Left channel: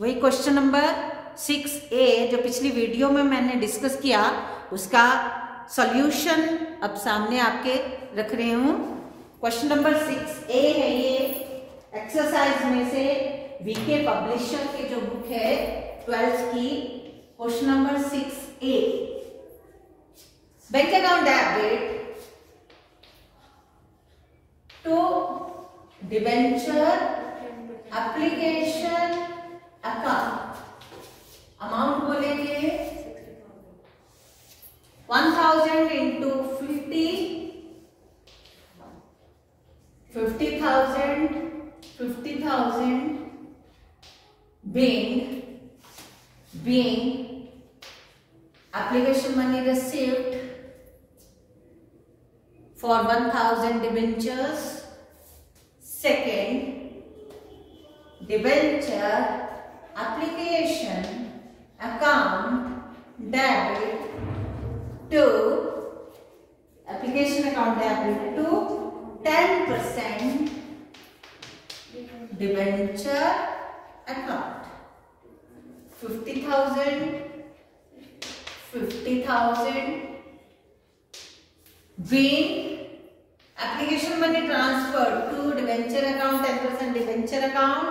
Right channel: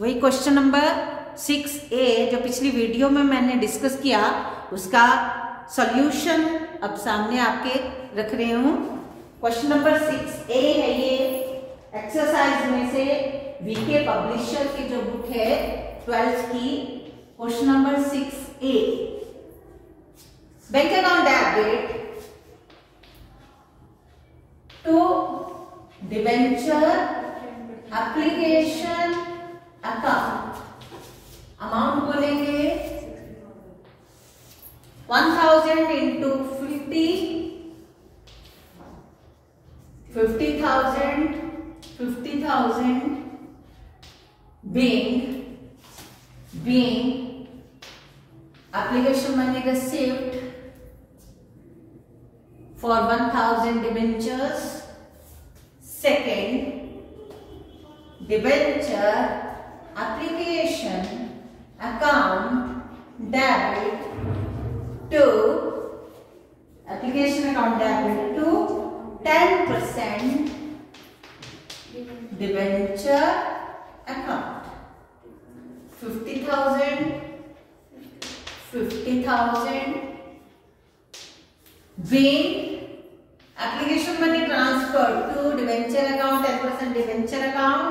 वही question number 6A जो पिछली वीडियो में मैंने डिस्कस किया उसका सॉल्यूशन अब सामने आपके रख रही हूं। क्वेश्चन नंबर 6A है ये, एक्सरसाइज में से वीके पब्लिशर की जो बुक है 12th की, question number 6A। Bank account debit to debenture application account, amount बोलेंगे 1000 into 50,000 being application money received for 1000 debentures. Second, debenture application account debit to application account debit to 10% debenture account, 50,000 being application money transferred to debenture account, 10% debenture account.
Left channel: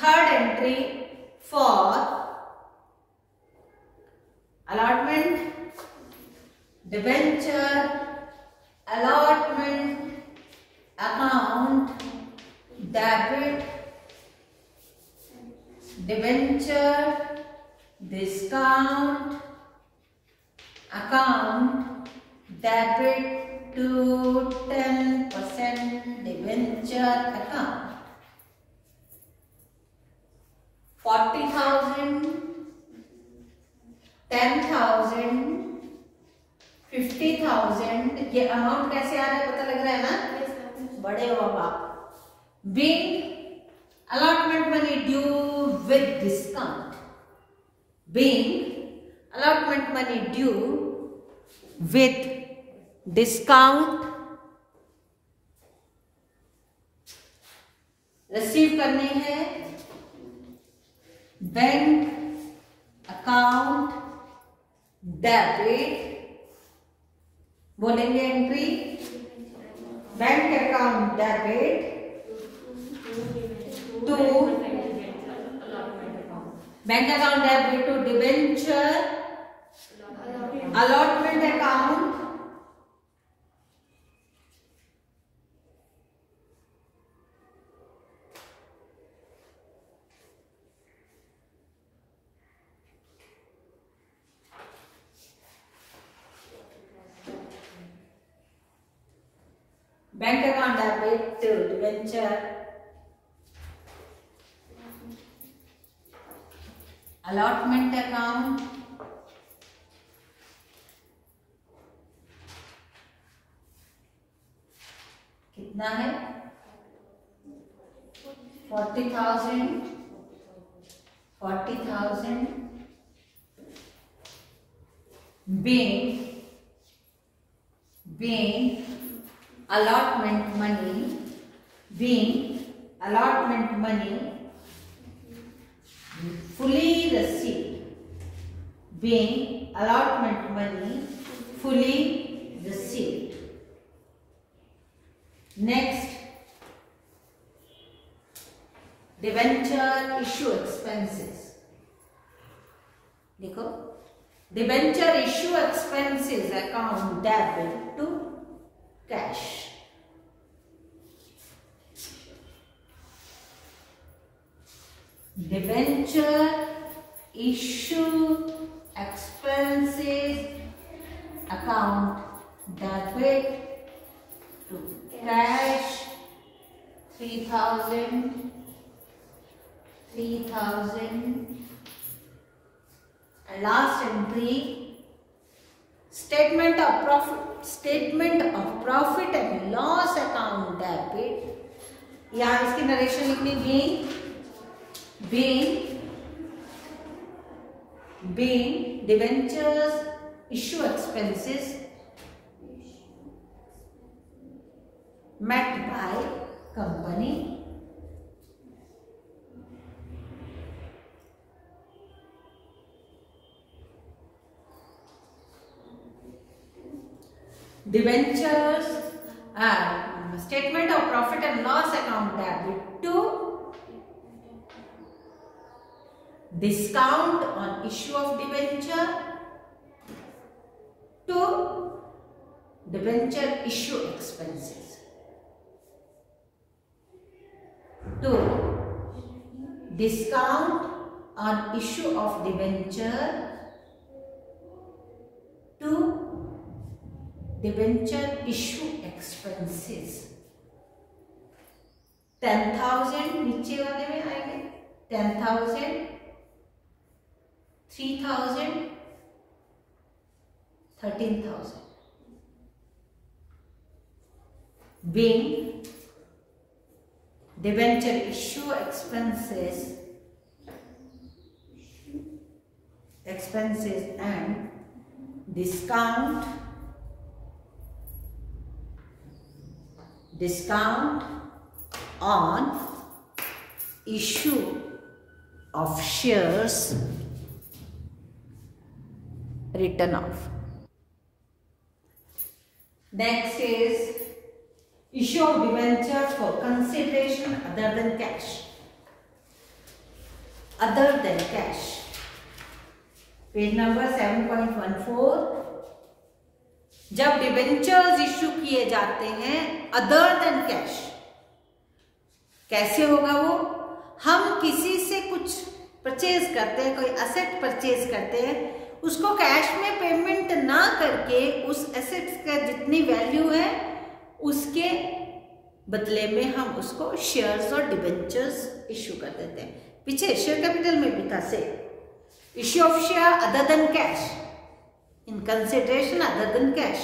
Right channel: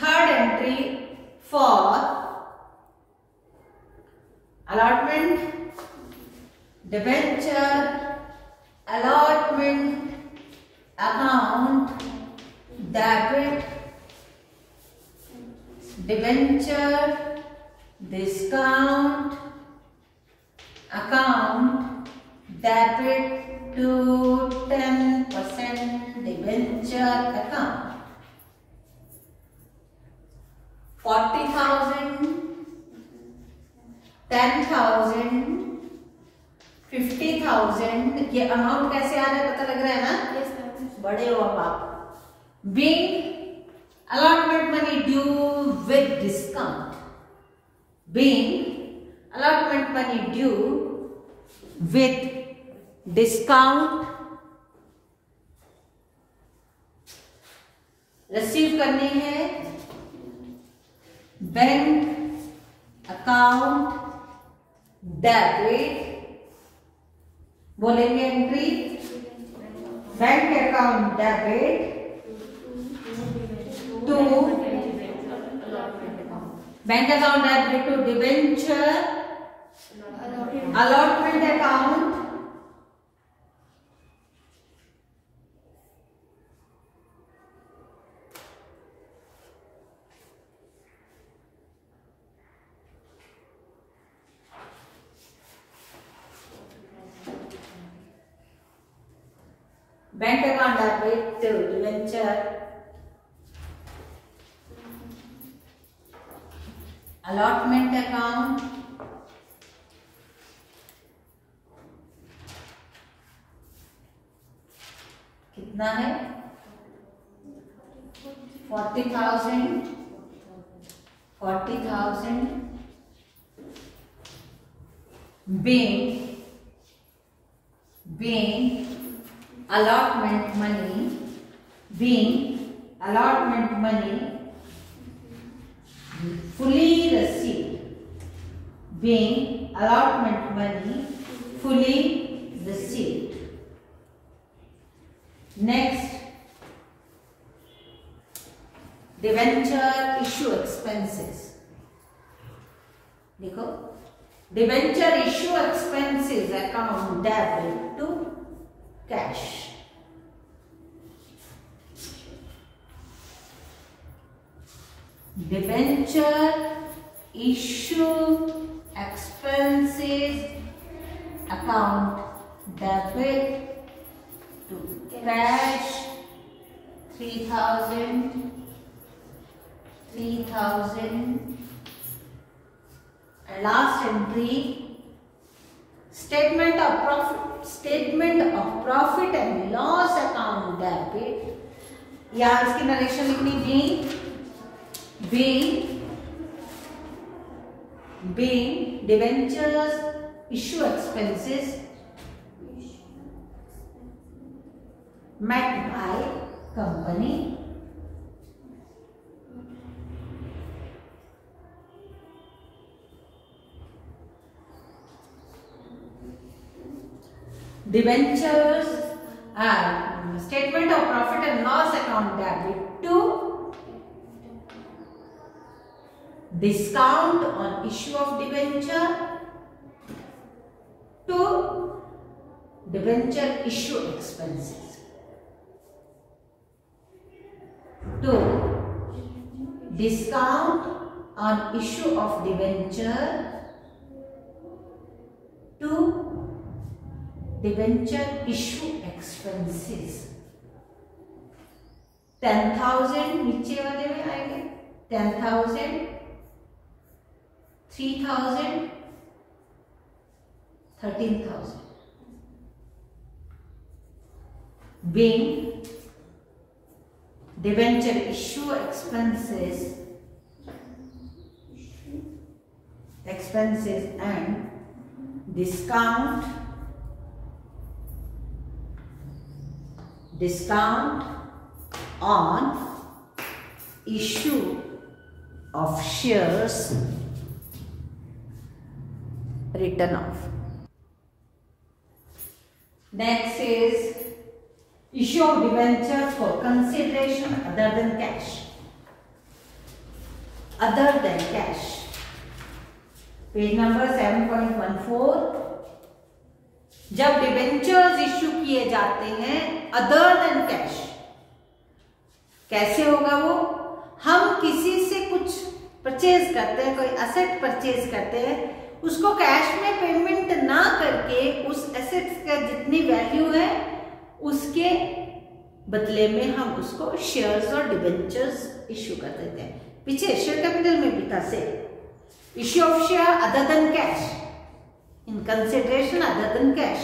Third entry for allotment debenture allotment account debit debenture discount account debit to 10% debenture account, 40,000 10,000 50,000। ये अमाउंट कैसे आ रहा है पता लग रहा है ना, बड़े हो आप। Being allotment money due with discount, being allotment money due with discount, receive करनी है बैंक अकाउंट डेबिट, बोलेंगे entry bank account debit to bank account debit to debenture allotment account bank account debit to debenture allotment account कितना है 40,000 being allotment money fully received, being allotment money fully received. Next, debenture issue expenses, देखो debenture issue expenses account debit to cash, debenture issue expenses account debit to cash 3,000 and last entry statement of profit and loss account debit, या इसकी नरेशन लिखनी being debentures issue expenses met by company debentures, statement of profit and loss account debit to discount on issue of debenture to debenture issue expenses to discount on issue of debenture to debenture issue expenses 10,000 नीचे वाले में आएंगे 10,000 3,000 13,000 being debenture issue expenses and discount on issue of shares written off. Next is issue of debenture for consideration other than cash. Other than cash. Page number 7.14. जब debentures issue किए जाते हैं other than cash, कैसे होगा वो? हम किसी से कुछ परचेज करते हैं, कोई एसेट परचेज करते हैं, उसको कैश में पेमेंट ना करके उस एसेट का जितनी वैल्यू है उसके बदले में हम उसको शेयर्स और डिबेंचर्स इश्यू कर देते हैं। पीछे शेयर कैपिटल में भी था से issue of share other than cash in consideration other than cash,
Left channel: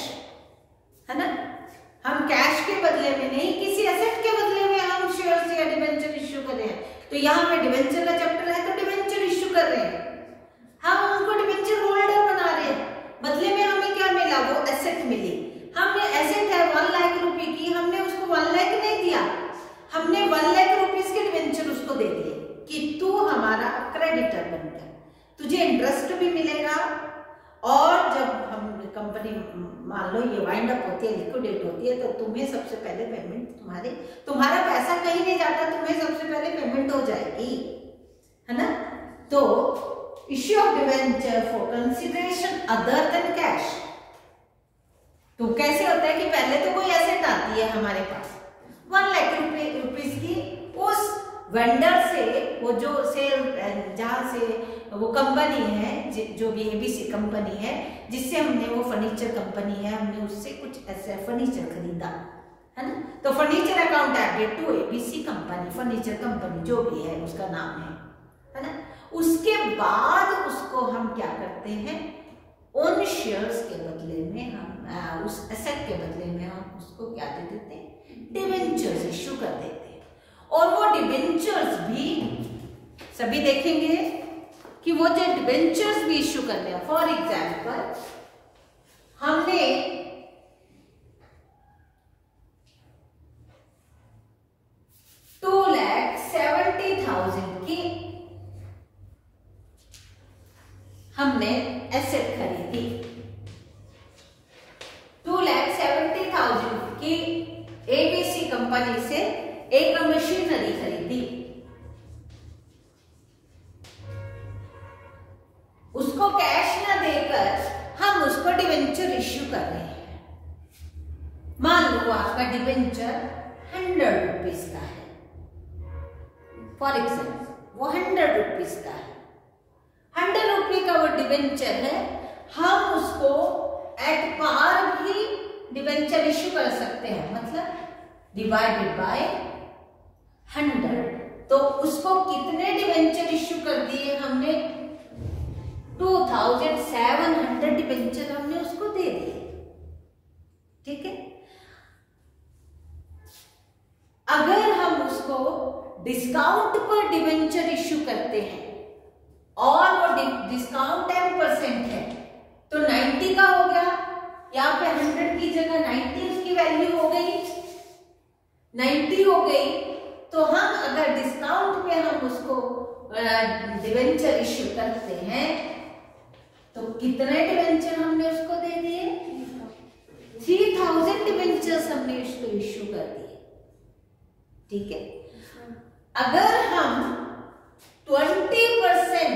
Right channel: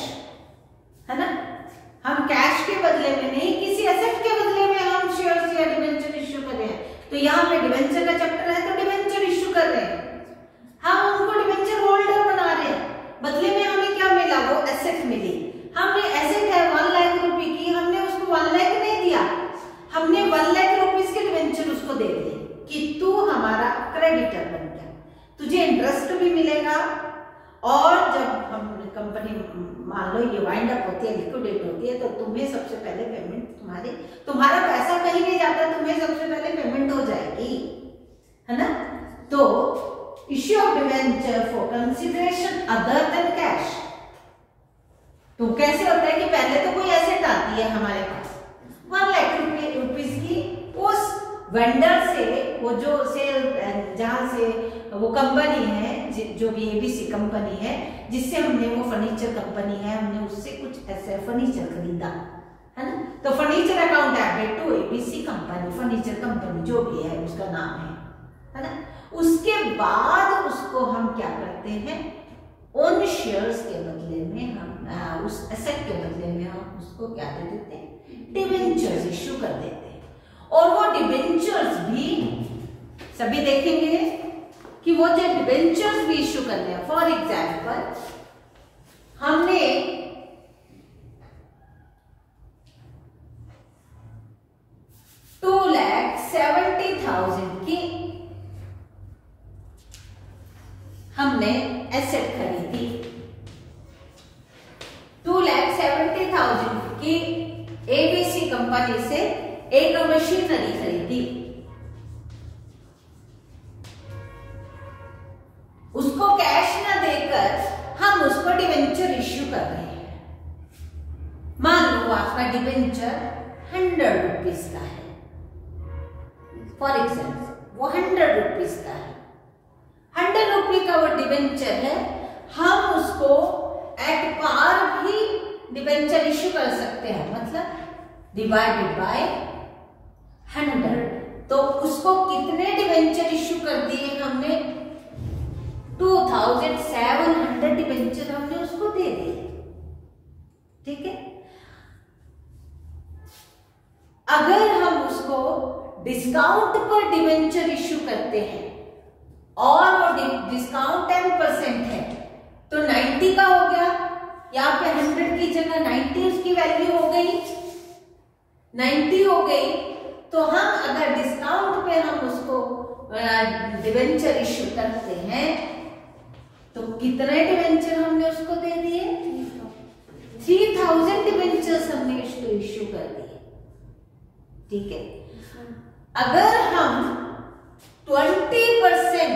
है ना। हम कैश के बदले में नहीं, किसी एसेट के बदले में हम शेयर्स या डिबेंचर इश्यू कर रहे हैं। तो यहाँ पे डिबेंचर का चैप्टर है तो डिबेंचर इश्यू कर रहे हैं, हम उनको डिबेंचर होल्डर बना रहे हैं। बदले में हमें क्या मिला? वो एसेट मिली। हमने एसेट है 1 लाख रुपए की, हमने उसको 1 लाख नहीं दिया, हमने 1 लाख रुपीस के डिबेंचर उसको दे दिए कि तू हमारा क्रेडिटर बन गया, तुझे इंटरेस्ट भी मिलेगा। और जब हम कंपनी मान लो ये वाइंड अप होती है, लिक्विडेट होती है, तो तुम्हें सबसे पहले पेमेंट, तुम्हारा पैसा कहीं नहीं जाता, तुम्हें सबसे पहले पेमेंट हो जाएगी, है ना। तो issue of debenture for consideration other than cash, तो कैसे होता है कि पहले तो कोई एसेट आती है हमारे पास 1 लाख रुपीस की, उस वेंडर से, वो जो सेल जहां से वो कंपनी है, जो भी एबीसी कंपनी है जिससे हमने, वो फर्नीचर कंपनी है, हमने उससे कुछ ऐसे फर्नीचर खरीदा, है ना। तो furniture account debit to ABC company, furniture company जो भी है उसका नाम है ना। उसके बाद उसको हम क्या करते हैं, उन शेयर्स के बदले में हम, उस एसेट के बदले में हम उसको क्या दे देते हैं, डिबेंचर्स इश्यू कर देते हैं। और वो डिबेंचर्स भी सभी देखेंगे कि वो जो डिबेंचर्स भी इश्यू कर रहे हैं, फॉर एग्जाम्पल हमने 2,70,000 की हमने एसेट खरीदी, 2,70,000 की एबीसी कंपनी से एक मशीनरी खरीदी, उसको कैश न देकर हम उसको डिबेंचर इश्यू कर रहे हैं। मान लो आपका डिबेंचर 100 रुपीज का है, फॉर एग्जाम्पल वो 100 रुपीज का है, 100 रुपये का वो डिबेंचर है, हम उसको एट पार भी डिबेंचर इश्यू कर सकते हैं, मतलब डिवाइडेड बाय 100। तो उसको कितने डिबेंचर इश्यू कर दिए हमने, 2,700 डिबेंचर हमने उसको दे दिए, ठीक है। अगर हम उसको डिस्काउंट पर डिबेंचर इश्यू करते हैं और वो डिस्काउंट 10% है तो 90 का हो गया, यहाँ पे 100 की जगह 90 उसकी वैल्यू हो गई, 90 हो गई। तो हम अगर डिस्काउंट पे हम उसको डिबेंचर इश्यू करते हैं तो कितने डिबेंचर हमने उसको दे दिए, 3000 डिबेंचर्स हमने इसको इश्यू कर दिए, ठीक है। अगर हम 20%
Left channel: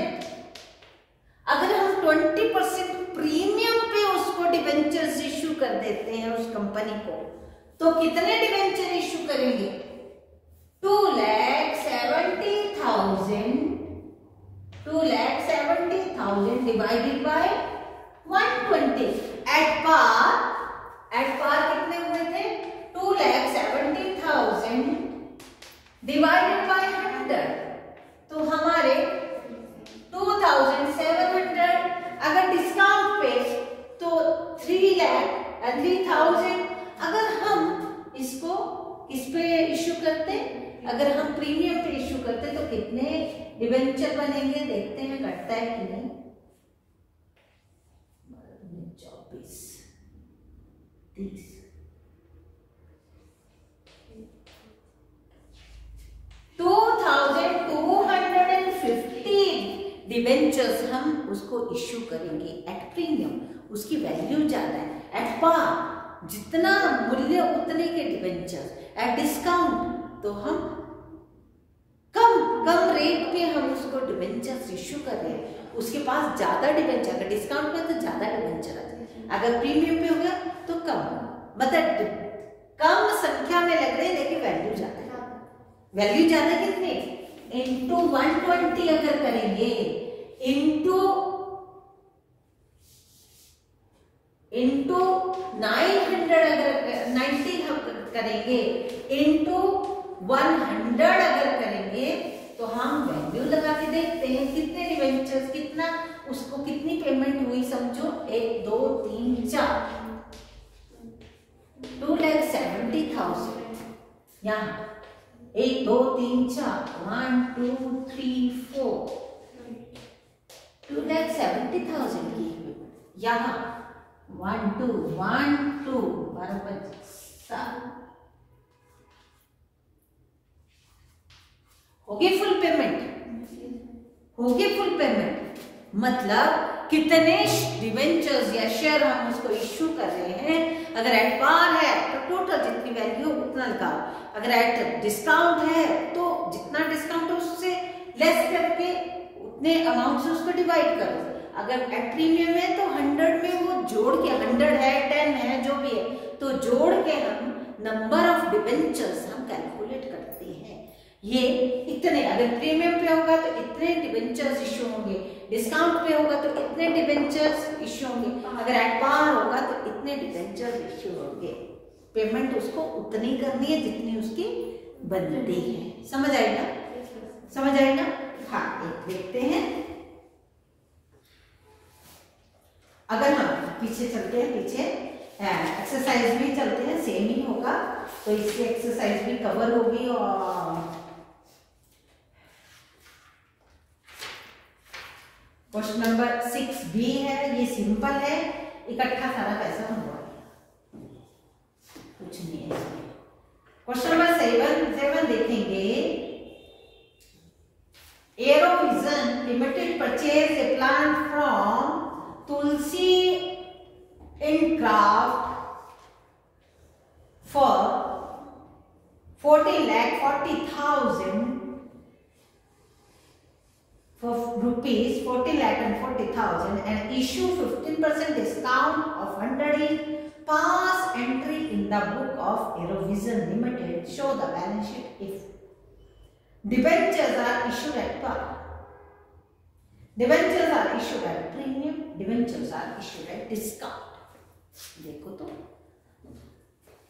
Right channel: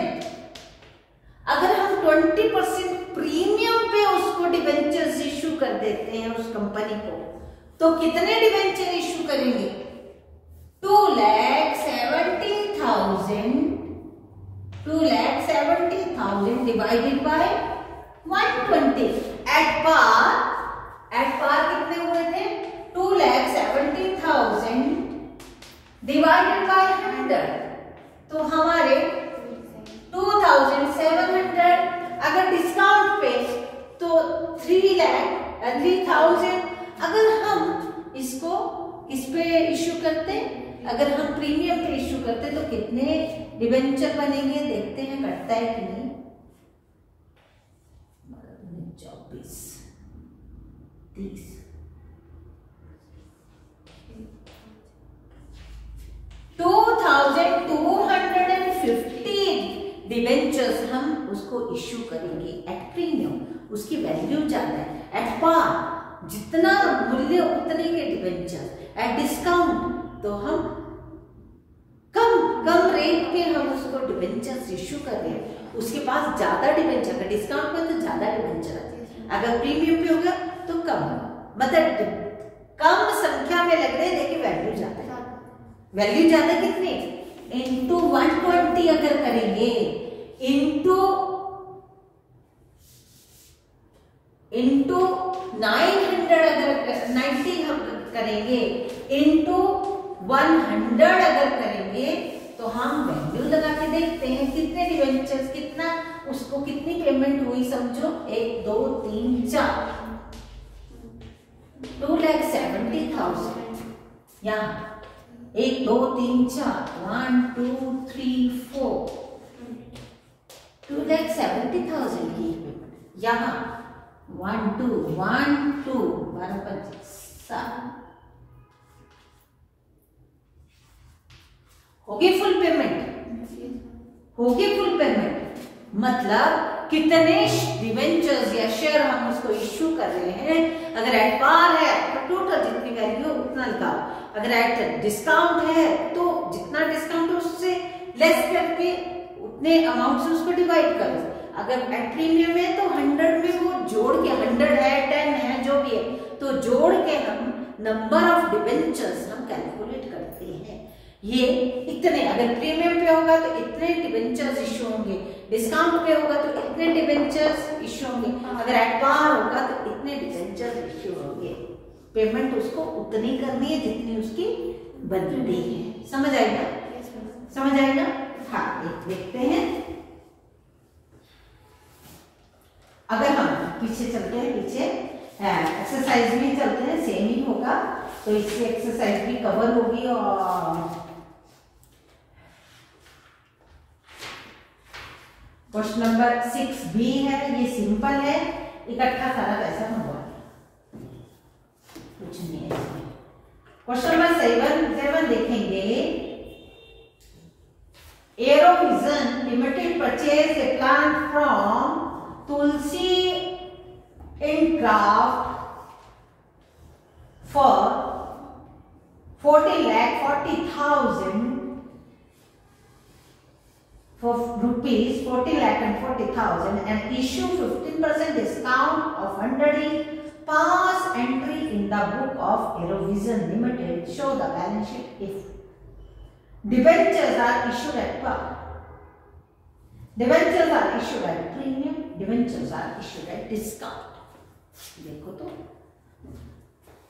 प्रीमियम पे उसको डिबेंचर्स इश्यू कर देते हैं उस कंपनी को, तो कितने डिबेंचर इश्यू करेंगे? 2,70,000 डिवाइडेड बाय 120 एट पार कितने हुए थे? 2,70,000 डिवाइडेड बाय 100, तो हमारे 2,700। अगर डिस्काउंट पे तो 3,000। अगर हम इसको किस पे इश्यू करते, अगर हम प्रीमियम पे इश्यू करते तो कितने डिबेंचर बनेंगे? देखते हैं कटता है कि नहीं। 24, 30, 2,250 डिबेंचर्स हम उसको इश्यू करेंगे एट प्रीमियम। उसकी वैल्यू ज्यादा है। एट पार जितना मूल्य उतने के डिबेंचर। एट डिस्काउंट तो हम कम रेट पे हम उसको डिबेंचर्स इश्यू कर रहे हैं। उसके पास ज्यादा डिबेंचर है, डिस्काउंट पे तो ज्यादा डिबेंचर है, अगर प्रीमियम पे होगा तो कम, मतलब कम संख्या में लग रहे हैं लेकिन वैल्यू ज्यादा है। वैल्यू ज्यादा कितने? इंटू 120 अगर करेंगे, इंटू 900 अगर 90 हम करेंगे, इंटू 100 अगर करेंगे तो हम वैल्यू लगा के देखते हैं कितने डिबेंचर्स, कितना उसको कितनी पेमेंट हुई। समझो 1 2 3 4 2,70,000 यहाँ 1 2 3 4 1 2 3 4 2,70,000 की यहाँ 1 2 12 25 7 होगी फुल पेमेंट, मतलब कितने डिबेंचर्स या शेयर हम उसको इश्यू कर रहे हैं। अगर एट पार है तो टोटल जितनी वैल्यू उतना लगाओ, अगर एट डिस्काउंट है तो जितना डिस्काउंट उससे लेस करके उतने अमाउंट से उसको डिवाइड करो। अगर एट प्रीमियम है तो 100 में वो जोड़ के 100 है 10 है जो भी है तो जोड़ के हम नंबर ऑफ डिबेंचर्स हम कैलकुलेट करते हैं। ये इतने, अगर प्रीमियम पे होगा तो इतने डिबेंचर्स इश्यू होंगे, डिस्काउंट पे होगा तो इतने डिबेंचर्स इश्यू होंगे, अगर एट पार होगा तो इतने डिबेंचर्स इश्यू होंगे। पेमेंट उसको उतनी करनी है जितनी उसकी बनती है। समझ आएगा? समझ आएगा? हाँ, एक देखते हैं। अगर हम पीछे चलते हैं, पीछे एक्सरसाइज भी चलते हैं, सेम ही होगा तो इसकी एक्सरसाइज भी कवर होगी। और क्वेश्चन नंबर 6B है, ये सिंपल है, इकट्ठा सारा पैसा हुआ कुछ नहीं है। क्वेश्चन नंबर 7 देखेंगे। Aerovision limited purchase a plant from Tulsi Incraft for 40,40,000 for rupees 40,40,000 and issue 15% discount of 100 pass entry in the book of Aerovision Limited. Show the balance sheet if debentures are issued at par. Debentures are issued at premium. Debentures are issued at discount. देखो तो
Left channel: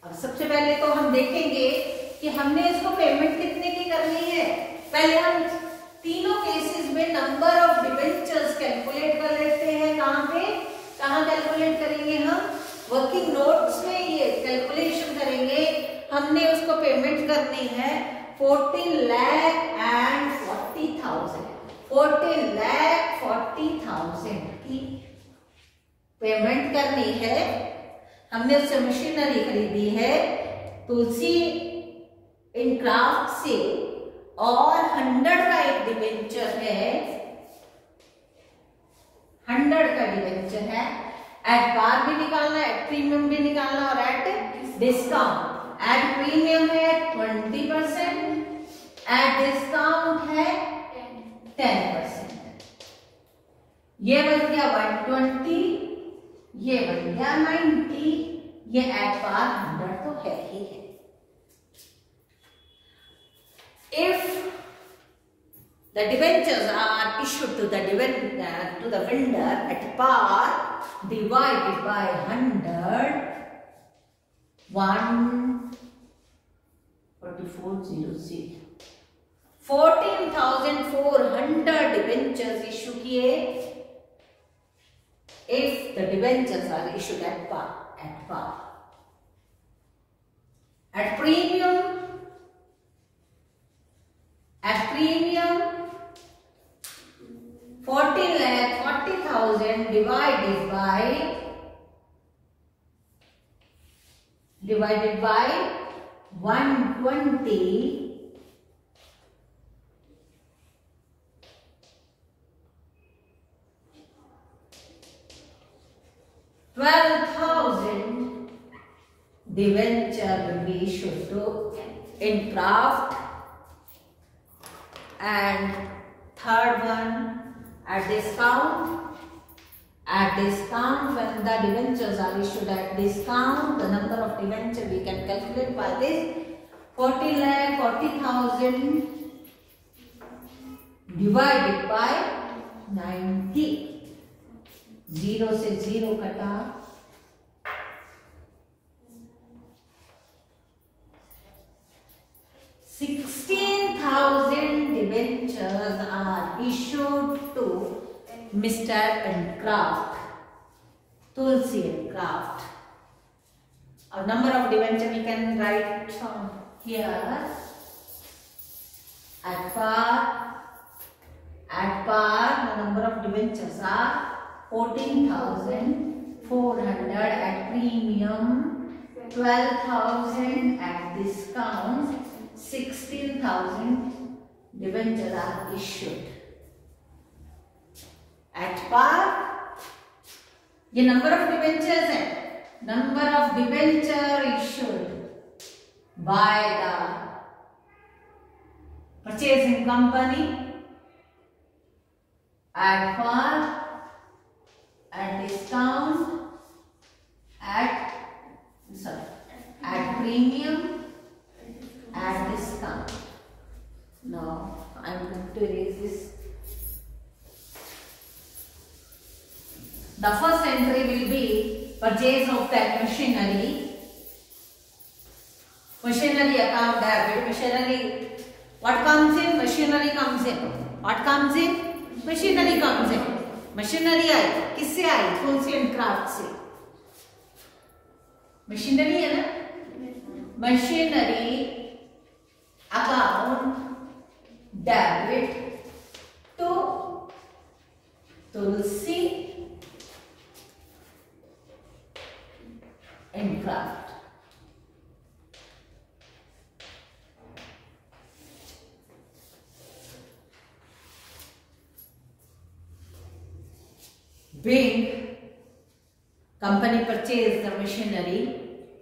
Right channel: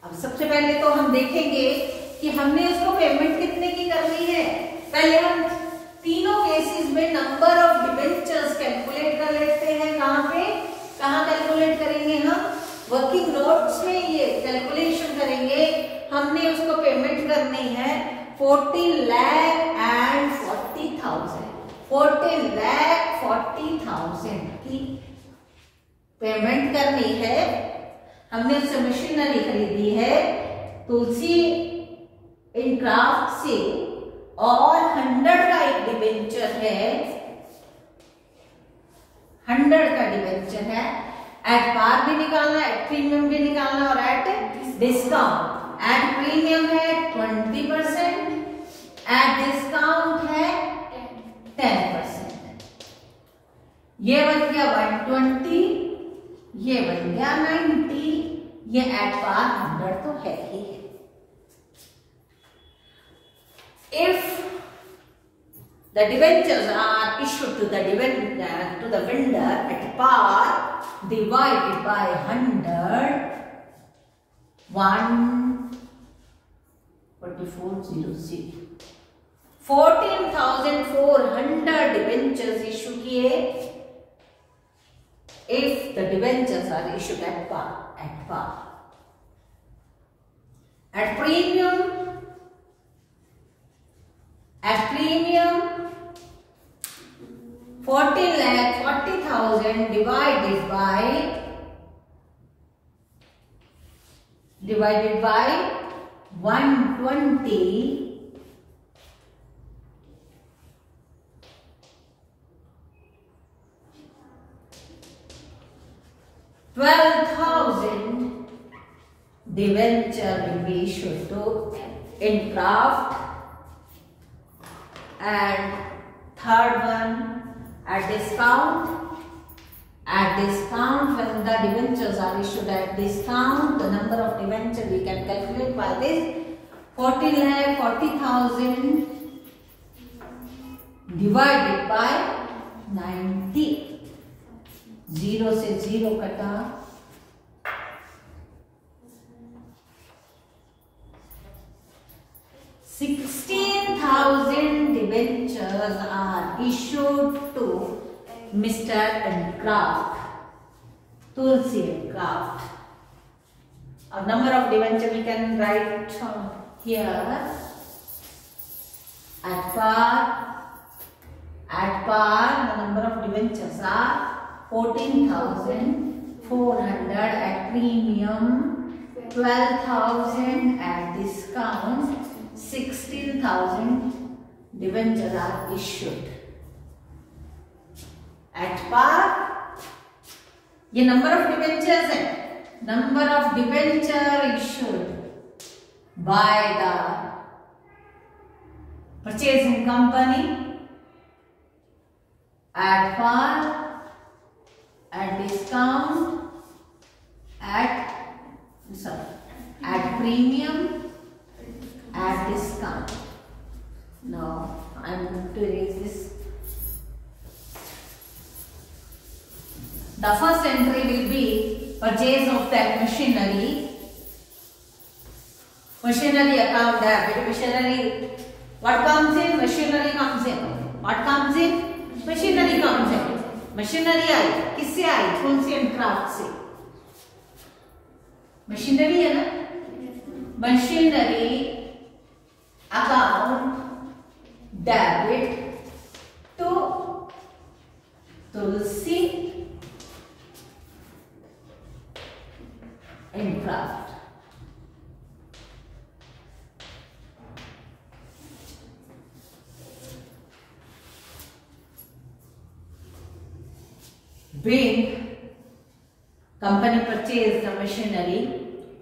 अब सबसे पहले तो हम देखेंगे कि हमने उसको पेमेंट कितने की करनी है। पहले हम तीनों केसेस में नंबर ऑफ डिबेंचर्स कैलकुलेट कर लेते हैं। कहाँ कैलकुलेट करेंगे? हम वर्किंग नोट्स में ये कैलकुलेशन करेंगे। हमने उसको पेमेंट करनी है 14,40,000 की पेमेंट करनी है। हमने उससे मशीनरी खरीदी है तुलसी इनक्राफ्ट से और 100 का एक डिबेंचर है, 100 का डिबेंचर है एट पार भी निकालना है, एट प्रीमियम भी निकालना और एट डिस्काउंट। एट प्रीमियम है 20%, एट डिस्काउंट है 10%। ये बन गया 120, ये बन गया 90, ये एट पार 100 तो है ही है। If the debentures are issued to the vendor at par divided by 100, 144,000 14,400 debentures issue किए। If the debentures are issued at par, at premium 14,40,000 divided by 120, 12,000 debenture will be issued to Incraft, and third one at discount. At discount, when the debentures are issued at discount, the number of debentures we can calculate by this 40,40,000 divided by 90. 0 से 0 कटा, 16,000 debentures are issued to Mr. Incraft, Tulsi Incraft. A number of debentures we can write here. At par, the number of debentures are 14,400 at premium, 12,000 at discount, 16,000 debentures are issued. At par, ये number of debentures है, number of debenture issued by the purchasing company at par, at discount, at premium, at discount. Now I am going to erase this. The first entry will be purchase of that machinery. Machinery account debit. Machinery. What comes in? Machinery comes in. What comes in? Machinery comes in. Machinery आई, किससे आई? Tulsi Incraft से. Machinery है ना? Machinery account debit to Tulsi Incraft. Being company purchased the machinery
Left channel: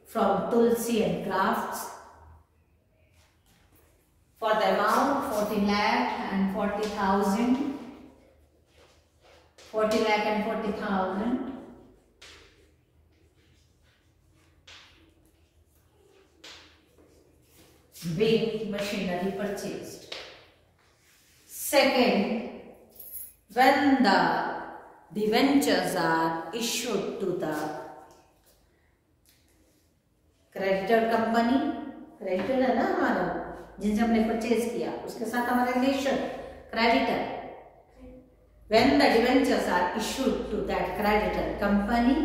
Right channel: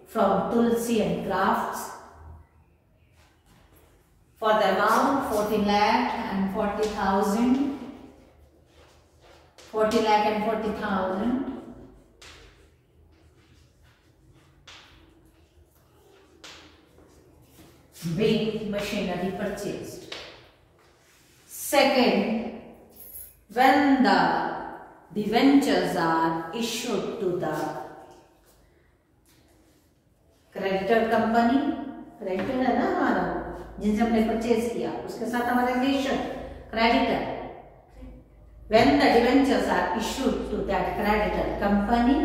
from Tulsi Incrafts for the amount 40 lakh and 40,000. 40 lakh and 40,000. Being machinery purchased. Second, when the debentures are issued to the creditor company, creditor है ना हमारा, जिनसे हमने परचेज किया, उसके साथ हमारा relation creditor. When the debentures are issued to that creditor company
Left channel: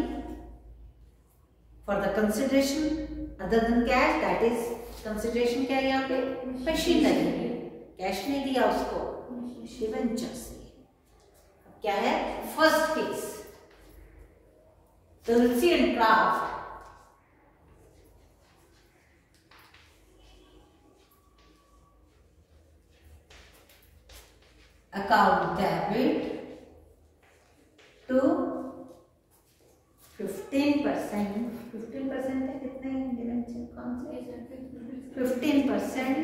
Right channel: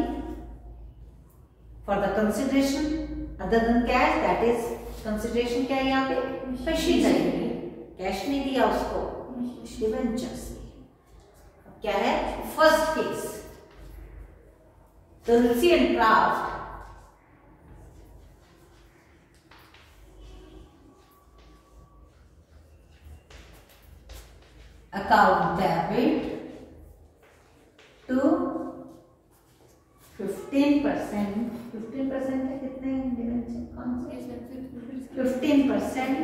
for the consideration other than cash, that is consideration क्या है यहाँ पे? machinery. कैश नहीं दिया उसको, debentures. क्या है? First case, Tulsi Incraft account debit to 15%, 15% है कितने डिवेंचर, कौन से 15%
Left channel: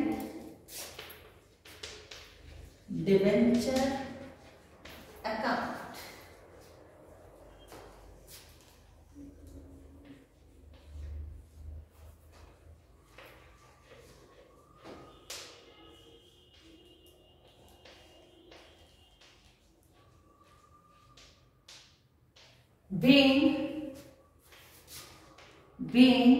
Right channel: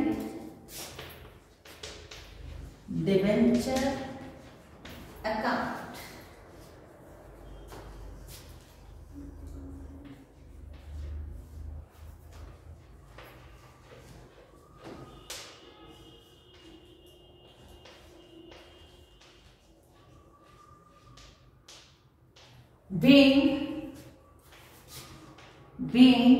debenture account. Being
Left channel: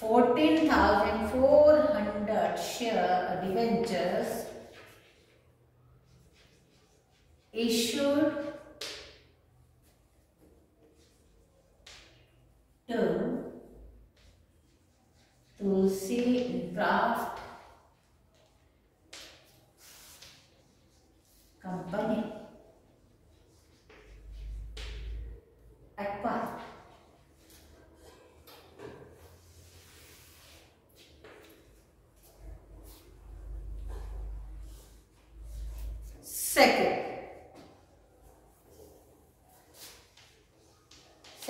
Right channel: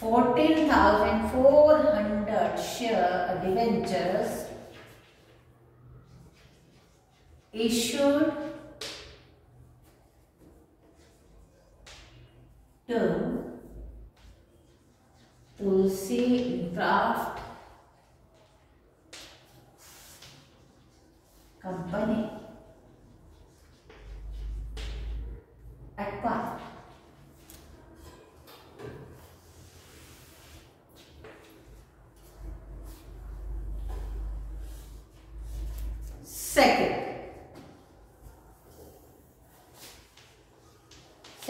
14,400 share debentures issued to Tulsi Craft Company acquired.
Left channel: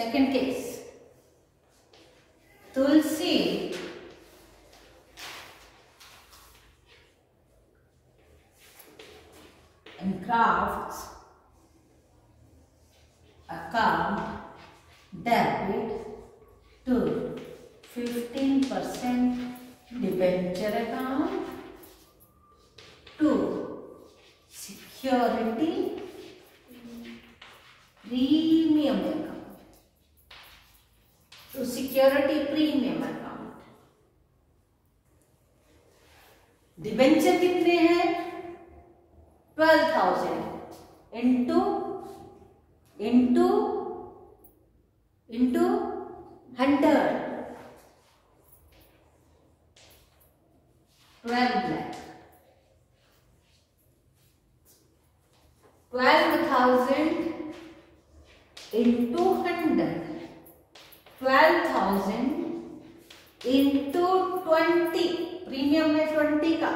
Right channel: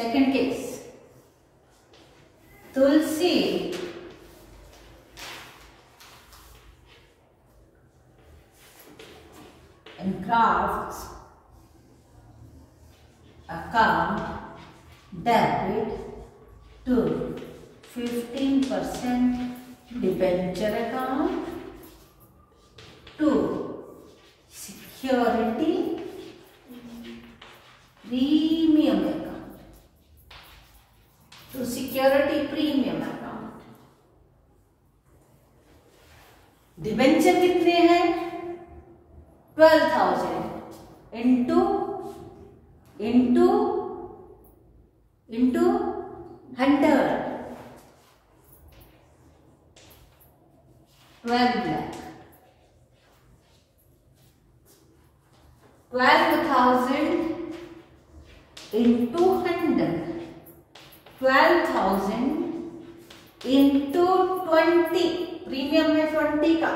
Second case, Tulsi and Crafts account debit to 15% debenture account to security premium account, to security premium account। Debenture कितने हैं? 12,000 इंटू 100, 12 lakh। 12,000 into 100, 12,000 into 20, प्रीमियम है 20 का,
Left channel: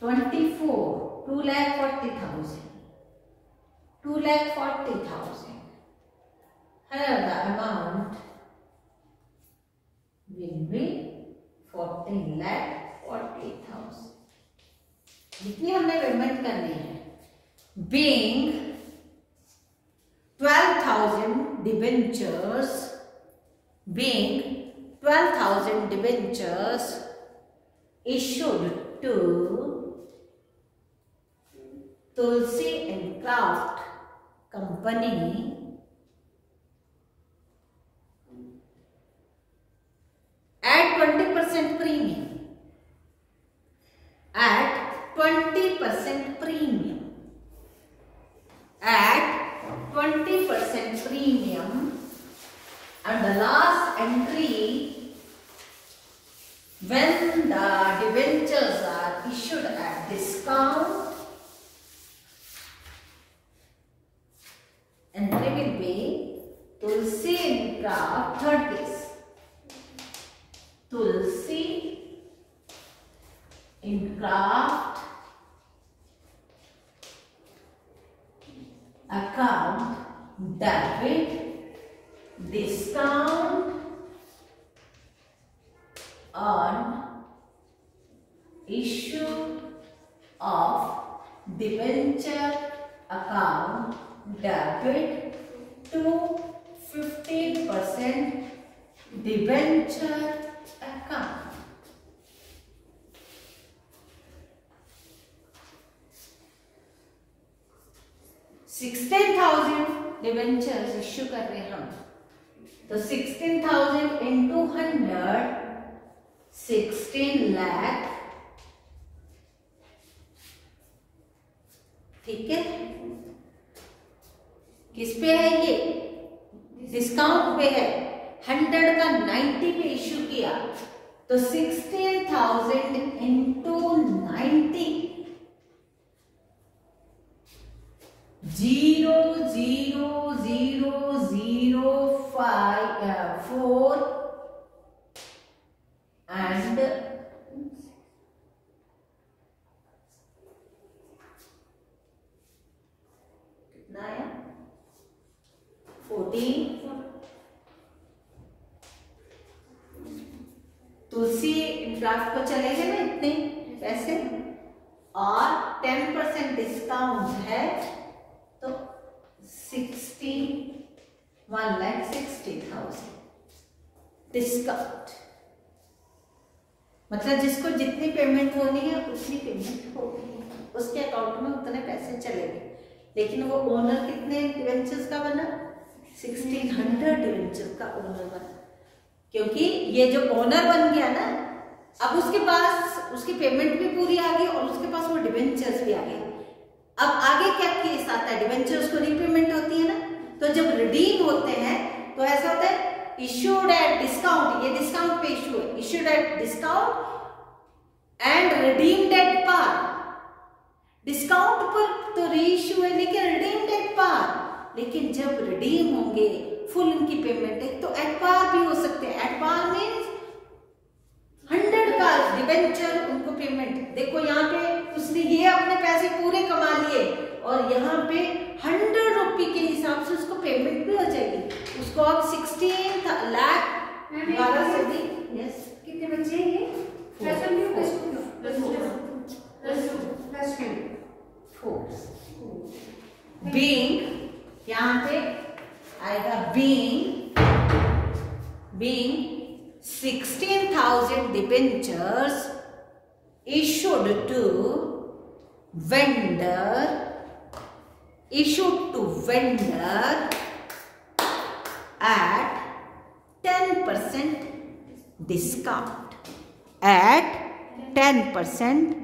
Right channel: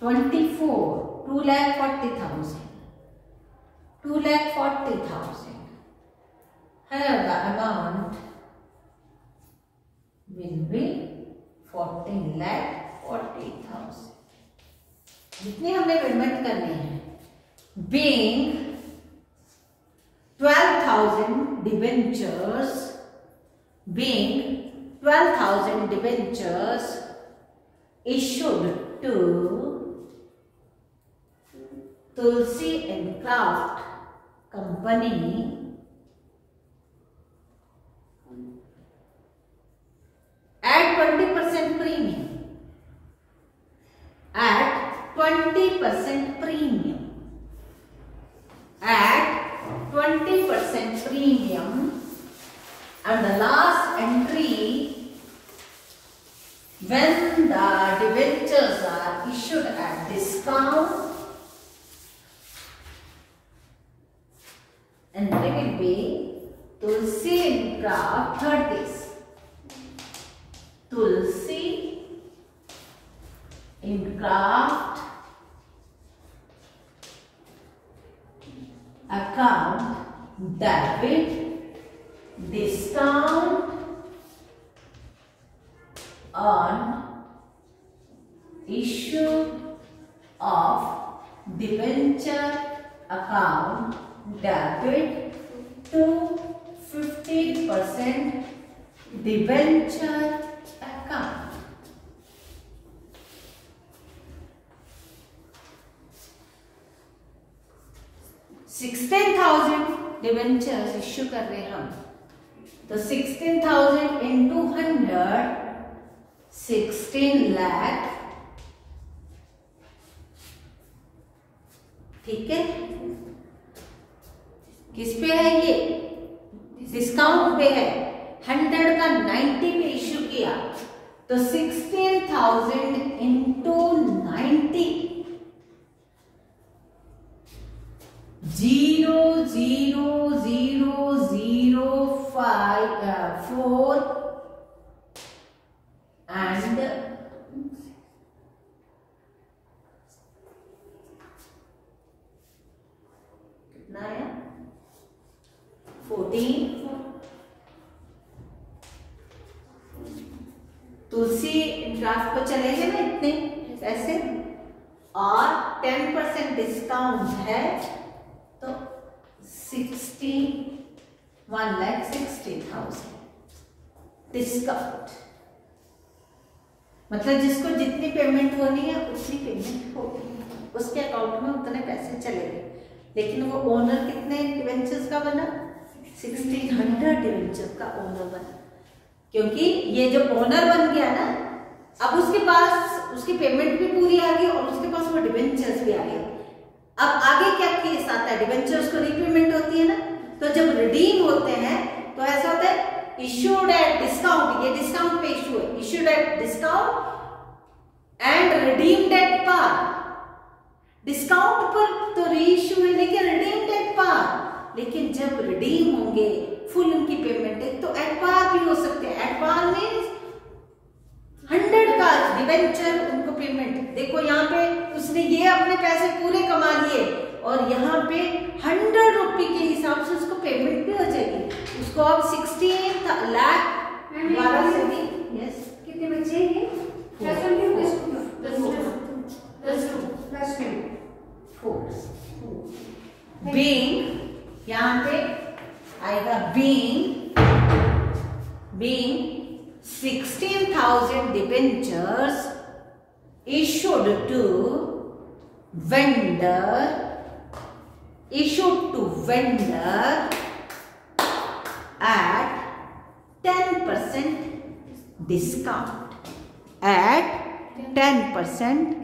24, 2,40,000, 2,40,000 and the amount will be 14,40,000। जितने हमने पेमेंट करने हैं, being 12,000 debentures, issued to Tulsi and Craft Company at 20% premium, at 20% premium, at 20% premium, and the last entry, when the debentures are issued at discount, entry will be Tulsi and Craft, third case, Tulsi and Craft account debit discount on issue of debenture account debit to 15% debenture account। $16,000 debentures issue कर रहे हैं हम, तो 16,000 into 100, 16 लाख, ठीक है। किस पे है ये? डिस्काउंट पे है। 100 का 90 पे इश्यू किया, तो 16,000 into 90, 0,0,0,0,4 and 0,0,0,0,0,0,0,0,0,0,0,0,0,0,0,0,0,0,0,0,0,0,0,0,0,0,0,0,0,0,0,0,0,0,0,0,0,0,0,0,0,0,0,0,0,0,0,0,0,0,0,0,0,0,0,0,0,0,0,0,0,0,0,0,0,0,0,0,0,0,0,0,0,0,0,0,0,0,0,0,0,0,0,0,0,0,0,0,0,0,0,0,0,0,0,0,0,0,0 14, तुलसी ड्राफ्ट को चलेंगे ना इतने पैसे, और 10% डिस्काउंट है तो 1,60,000 डिस्काउंट। मतलब जिसको जितनी पेमेंट होनी है उतनी पेमेंट होगी, उसके अकाउंट में उतने पैसे चलेंगे। लेकिन वो ओनर कितने डिवेंचर्स का बना? 1600 डिवेंचर का ओनर बना, क्योंकि ये जो ओनर बन गया ना, अब उसके पास उसकी पेमेंट भी पूरी आ गई और उसके पास वो डिवेंचर्स भी आ गए। अब आगे क्या केस आता है? डिवेंचर्स को रीपेमेंट होती है ना, तो जब रिडीम होते हैं तो ऐसा होता है इश्यूड एट डिस्काउंट, ये डिस्काउंट पे इश्यू है, issued at discount and redeemed at par. Discount पर तो रीइश्यू है लेकिन रिडीम्ड एट पार। लेकिन जब रिडीम होंगे फुल इनकी पेमेंट है तो एट पार भी हो सकते हैं। एट पार मीन्स 100 का डिवेंचर उनको पेमेंट। देखो यहाँ पे उसने ये अपने पैसे पूरे कमा लिए और यहाँ पे 100 रुपये के हिसाब से उसको पेमेंट भी हो जाएगी। उसको अब 16 लाख 12 से भी। यस, कितने बच्चे हैं? बीइंग, यहाँ पे आएगा बीइंग 16,000 debentures issued to vendor at 10% discount, at 10%